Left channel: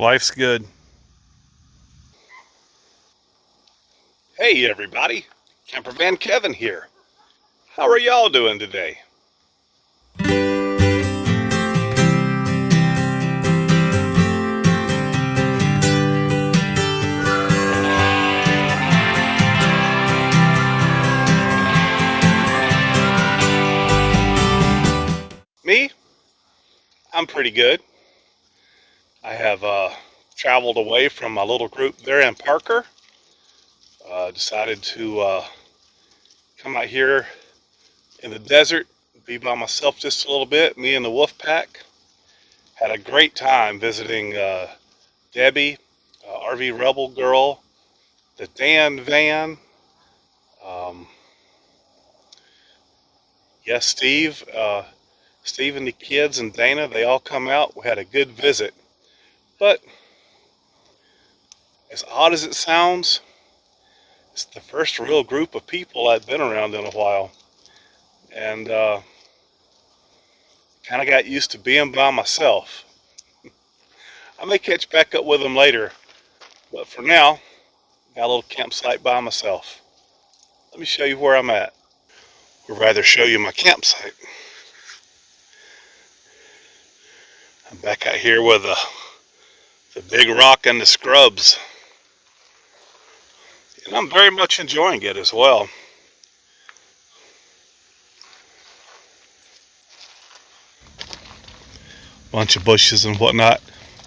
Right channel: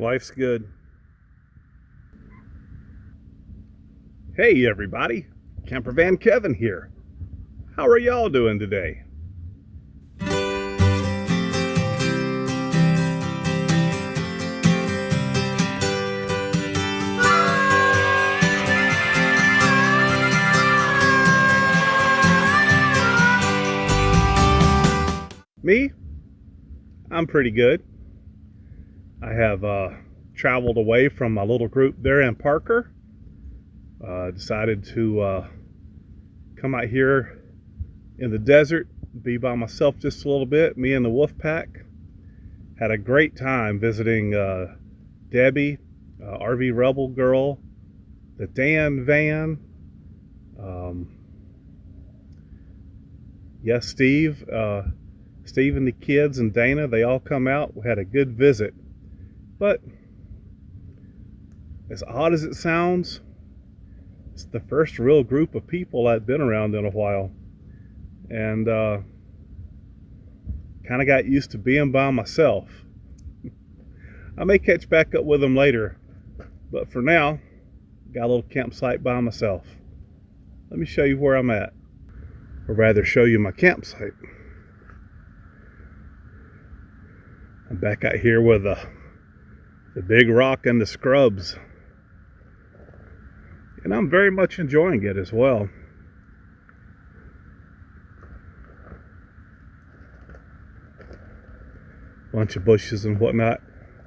Life's good. Hey everybody, Campervan Kevin here. How are y'all doing today? Me? I'm pretty good. I have traveled away from my little group there in Parker. Decided to come out here in the desert, be by myself just a little bit, me and the WOOF pack. Had a great time visiting Debbie, RV Rebel Girl, the Dan Van, yes, Steve and the kids and Dana, they all come out. We had a good visit. But as odd as it sounds, it's the first real group of people I've been around in a while. And kind of got used to being by myself. I may catch back up with them later, but for now, got a little campsite by myself. Let me show you where I'm at, or rather show you my campsite. I'm back out here with the big rock and the scrubs, and I'm very much enjoying it as well. Bunch of bushes and whatnot.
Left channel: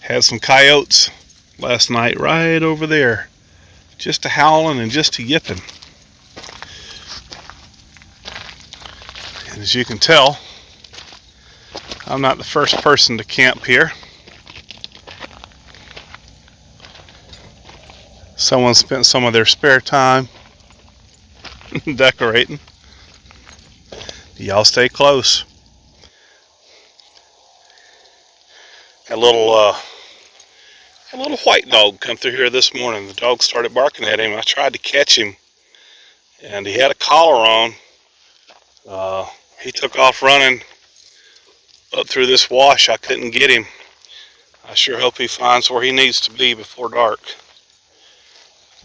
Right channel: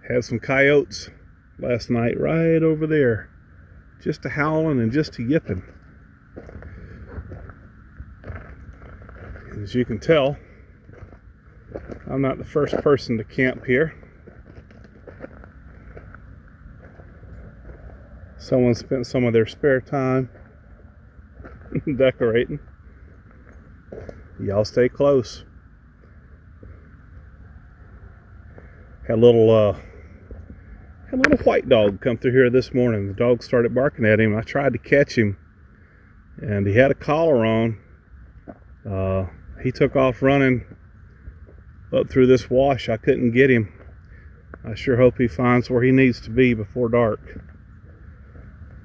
Had some coyotes last night right over there, just a howling and just a yipping. And as you can tell, I'm not the first person to camp here. Someone spent some of their spare time decorating. Y'all stay close. Had a little white dog come through here this morning. The dog started barking at him. I tried to catch him, and he had a collar on. He took off running up through this wash. I couldn't get him. I sure hope he finds where he needs to be before dark.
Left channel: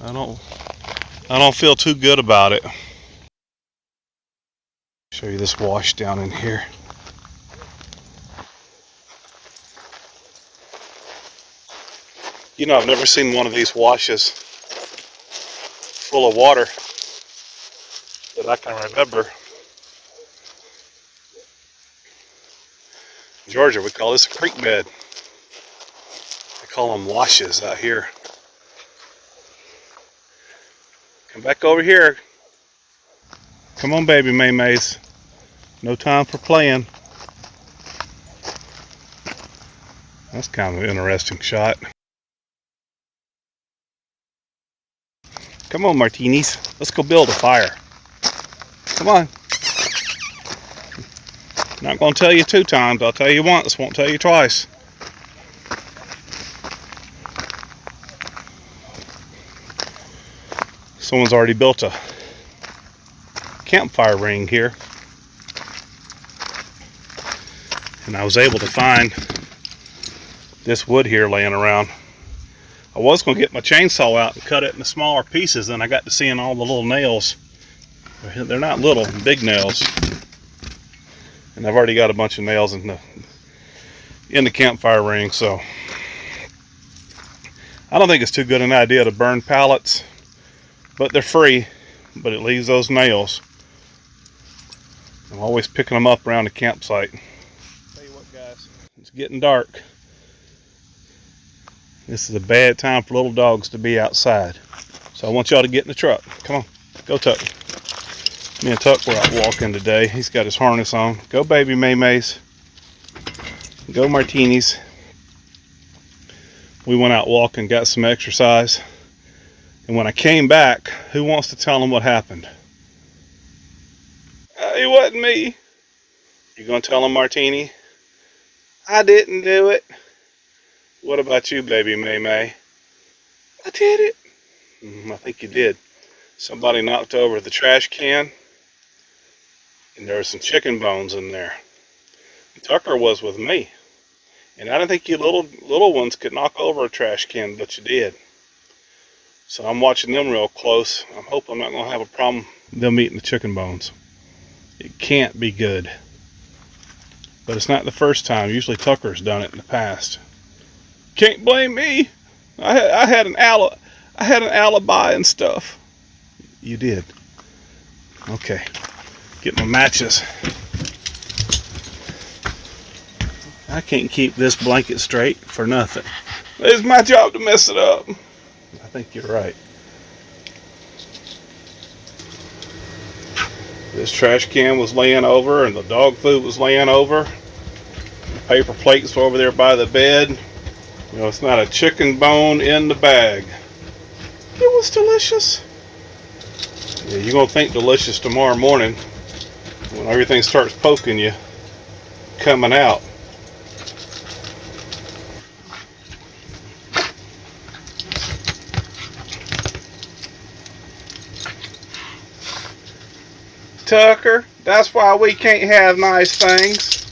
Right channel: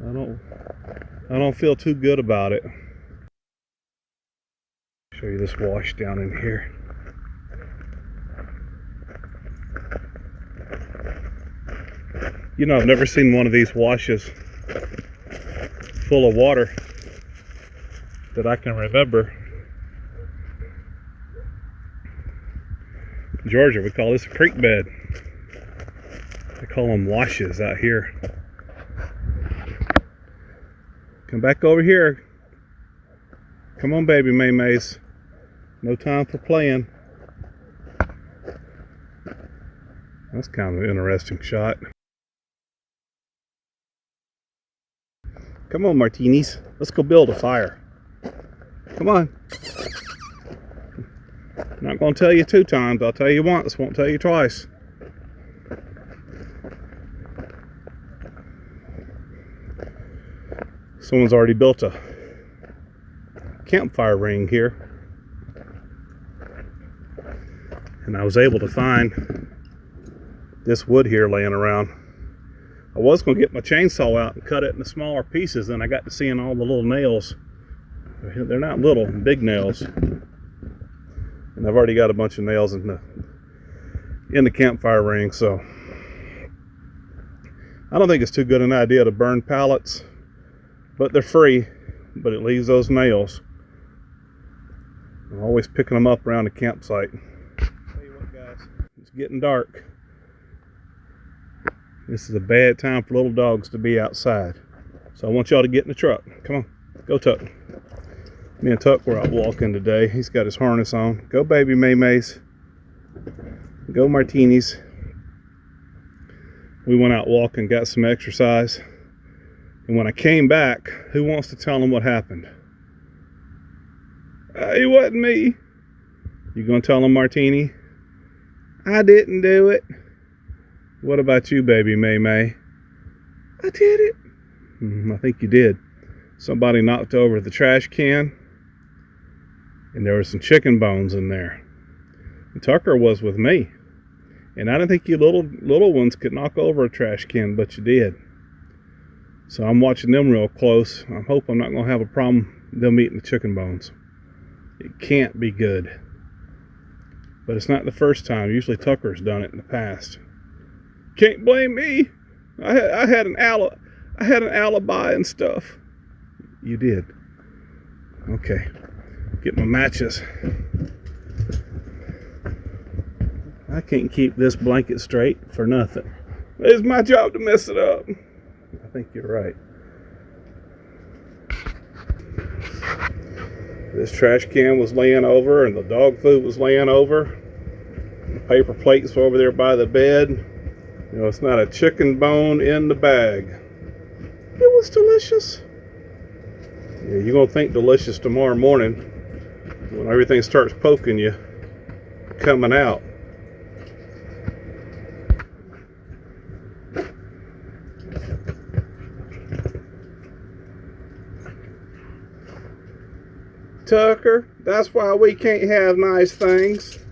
I don't feel too good about it. Show you this wash down in here. You know, I've never seen one of these washes full of water that I can remember. In Georgia, we call this a creek bed. They call them washes out here. Come back over here. Come on, baby MaeMaes. No time for playing. That's kind of an interesting shot. Come on, Martinis. Let's go build a fire. Come on. Not going to tell you 2 times. I'll tell you once. Won't tell you twice. Someone's already built a campfire ring here. And I was able to find this wood here laying around. I was going to get my chainsaw out and cut it into smaller pieces, then I got to seeing all the little nails. They're not little, big nails. And I've already got a bunch of nails in the campfire ring, so I don't think it's too good an idea to burn pallets, but they're free, but it leaves those nails. I'm always picking them up around the campsite. Tell you what, guys, it's getting dark. This is a bad time for little dogs to be outside. So I want y'all to get in the truck. Come on, go Tuck. Me and Tuck were out walking today. He's got his harness on. Go baby MaeMaes. Go Martinis. We went out walking, got some exercise. And when I came back, who wants to tell them what happened? It wasn't me. You gonna tell them, Martini? I didn't do it. What about you, baby MaeMae? I did it. I think you did. Somebody knocked over the trash can, and there were some chicken bones in there. And Tucker was with me. And I didn't think you little ones could knock over a trash can, but you did. So I'm watching them real close. I hope I'm not going to have a problem with them eating the chicken bones. It can't be good. But it's not the first time. Usually Tucker's done it in the past. Can't blame me. I had an alibi and stuff. You did. Okay. Get my matches. I can't keep this blanket straight for nothing. It's my job to mess it up. I think you're right. This trash can was laying over and the dog food was laying over. The paper plates were over there by the bed. You know, it's not a chicken bone in the bag. It was delicious. Yeah, you're gonna think delicious tomorrow morning when everything starts poking you, coming out. Tucker, that's why we can't have nice things.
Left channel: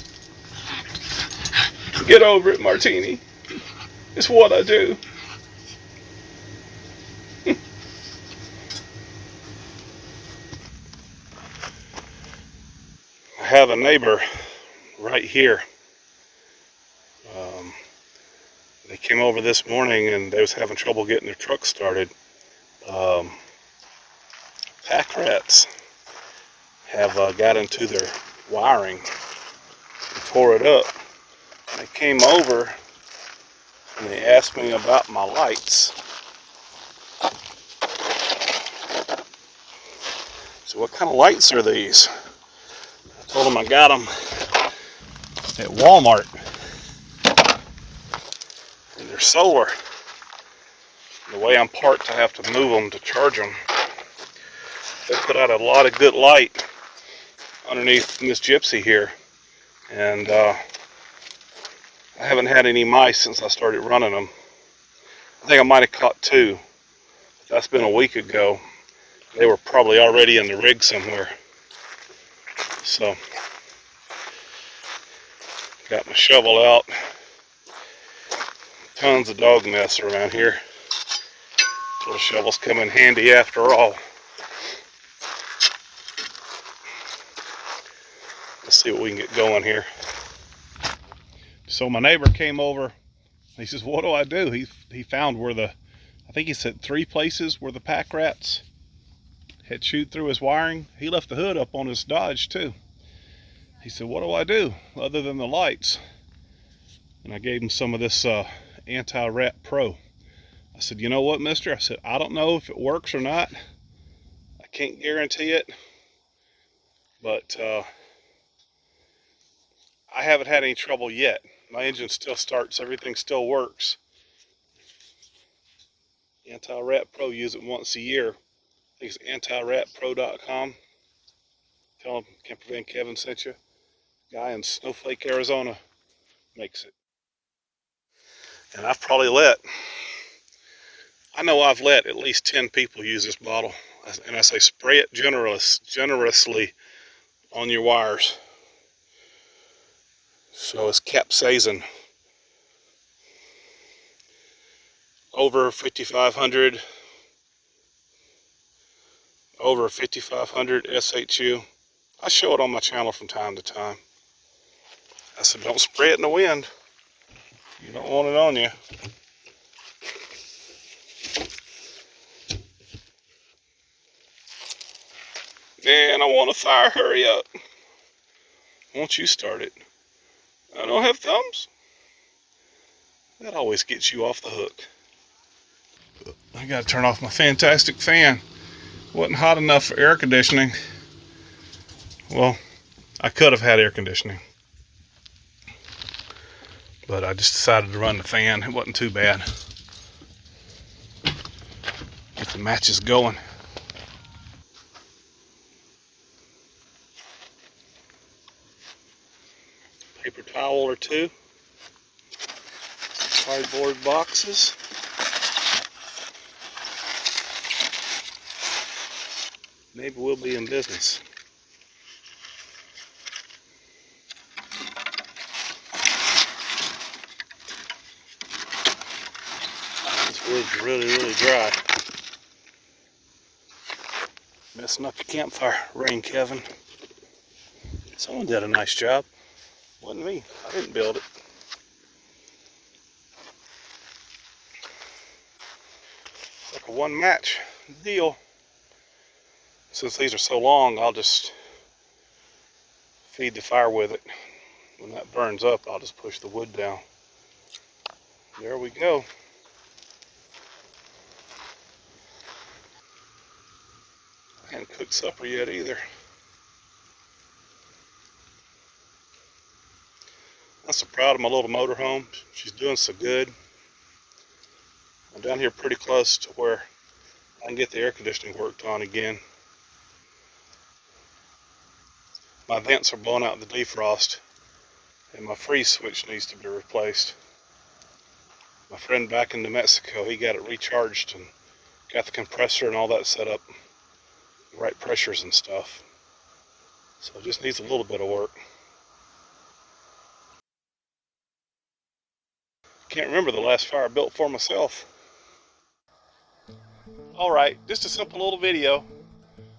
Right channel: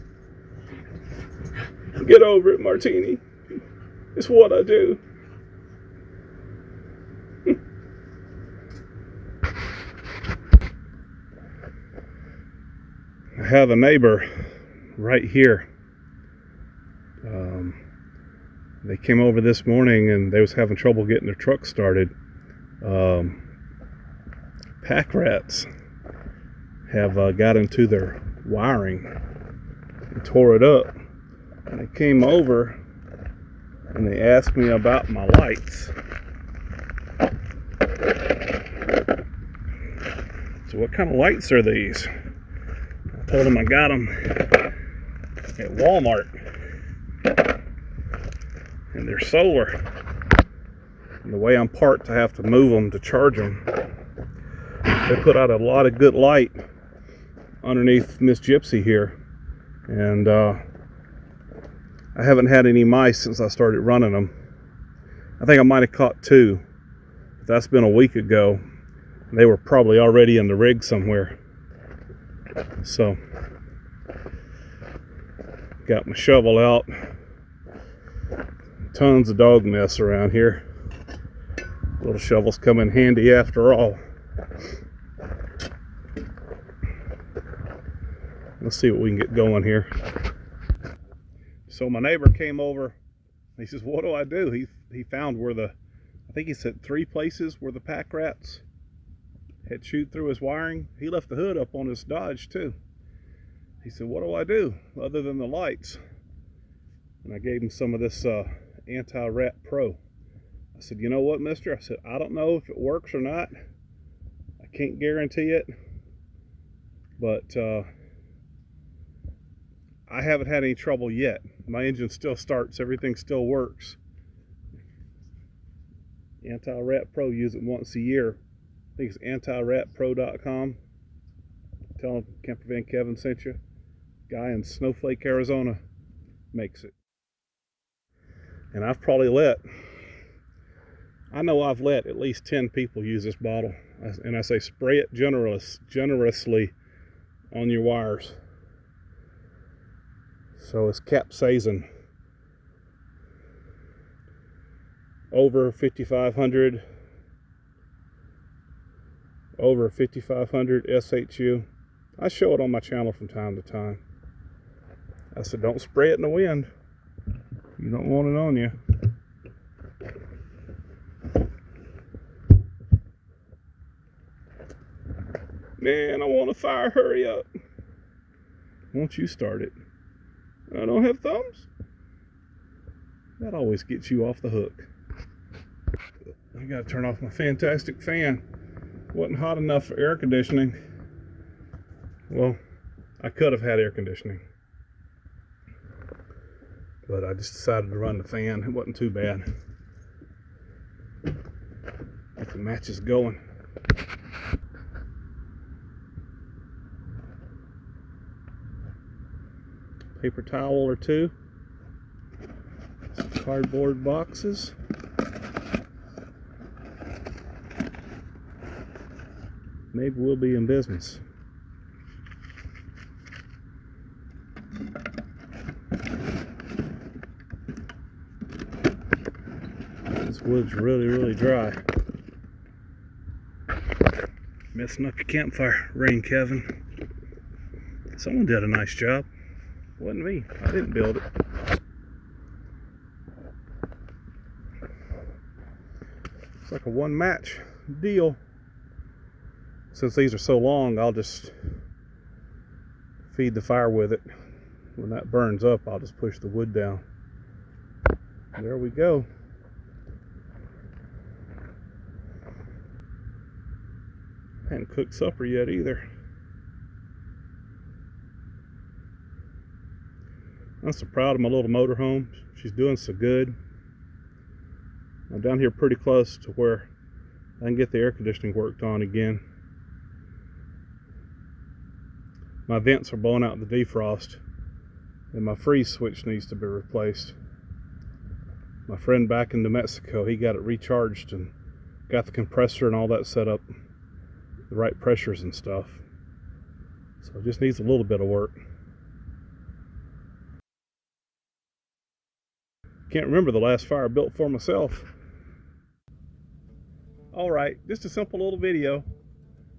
Get over it, Martini. It's what I do. I have a neighbor right here. They came over this morning and they was having trouble getting their truck started. Pack rats have got into their wiring and tore it up. And they came over and they asked me about my lights. So what kind of lights are these? I told them I got them at Walmart. And they're solar. And the way I'm parked, I have to move them to charge them. They put out a lot of good light underneath Miss Gypsy here. And I haven't had any mice since I started running them. I think I might have caught 2. But that's been a week ago. They were probably already in the rig somewhere. So, got my shovel out. Tons of dog mess around here. Little shovels come in handy after all. Let's see what we can get going here. So my neighbor came over. He says, what do I do? He found where I think he said 3 places where the pack rats had chewed through his wiring. He left the hood up on his Dodge too. He said, what do I do other than the lights? And I gave him some of this Anti-Rat Pro. I said, you know what, mister? I said, I don't know if it works or not. I can't guarantee it. But I haven't had any trouble yet. My engine still starts. Everything still works. Anti-Rat Pro, use it once a year. I think it's antiratpro.com. Tell them Campervan Kevin sent you. Guy in Snowflake, Arizona makes it. And I've probably I know I've let at least 10 people use this bottle. And I say spray it generously on your wires. So it's capsaicin. Over 5,500 SHU. I show it on my channel from time to time. I said, don't spray it in the wind. You don't want it on you. Man, I want a fire, hurry up. Won't you start it? I don't have thumbs. That always gets you off the hook. I gotta turn off my fantastic fan. Wasn't hot enough for air conditioning. Well, I could have had air conditioning. But I just decided to run the fan. It wasn't too bad. Get the matches going. Paper towel or 2. Cardboard boxes. Maybe we'll be in business. Wood's really dry. Messing up the campfire ring, Kevin. Someone did a nice job. Wasn't me. I didn't build it. It's like a one match deal. Since these are so long, I'll just feed the fire with it. When that burns up, I'll just push the wood down. There we go. I hadn't cooked supper yet either. I'm so proud of my little motorhome. She's doing so good. I'm down here pretty close to where I can get the air conditioning worked on again. My vents are blowing out the defrost, and my freeze switch needs to be replaced. My friend back in New Mexico, he got it recharged and got the compressor and all that set up, the right pressures and stuff. So it just needs a little bit of work. Can't remember the last fire I built for myself. Alright, just a simple little video.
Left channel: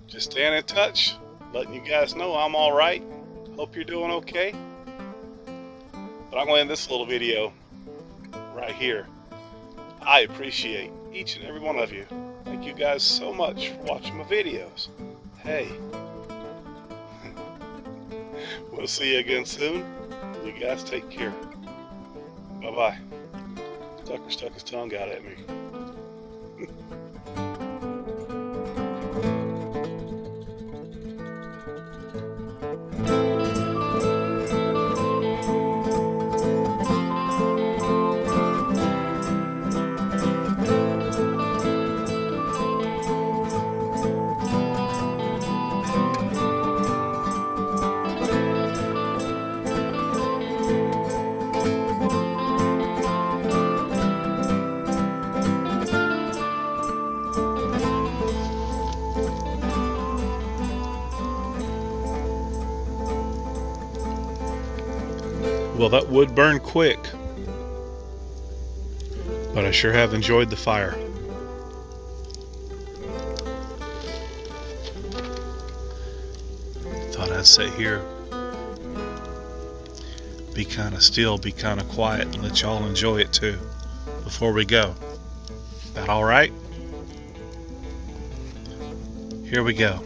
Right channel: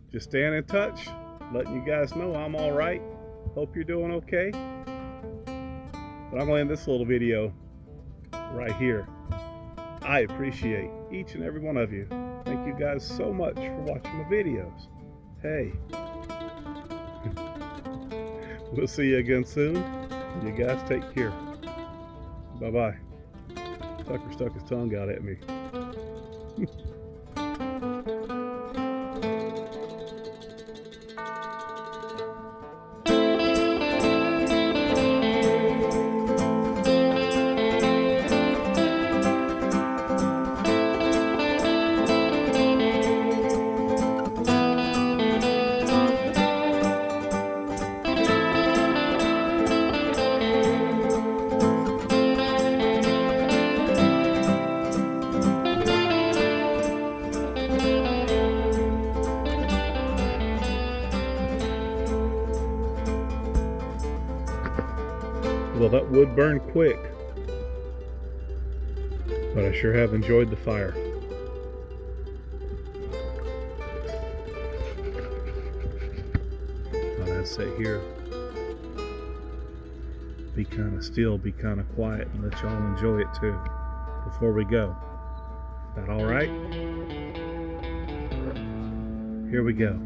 Just staying in touch, letting you guys know I'm alright. Hope you're doing okay. But I'm going to end this little video right here. I appreciate each and every one of you. Thank you guys so much for watching my videos. Hey. We'll see you again soon. You guys take care. Bye-bye. Tucker stuck his tongue out at me. Well, that wood burned quick, but I sure have enjoyed the fire. Thought I'd sit here, be kind of still, be kind of quiet, and let y'all enjoy it too before we go. That all right? Here we go.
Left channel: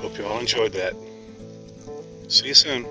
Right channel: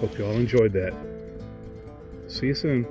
Hope you all enjoyed that. See you soon.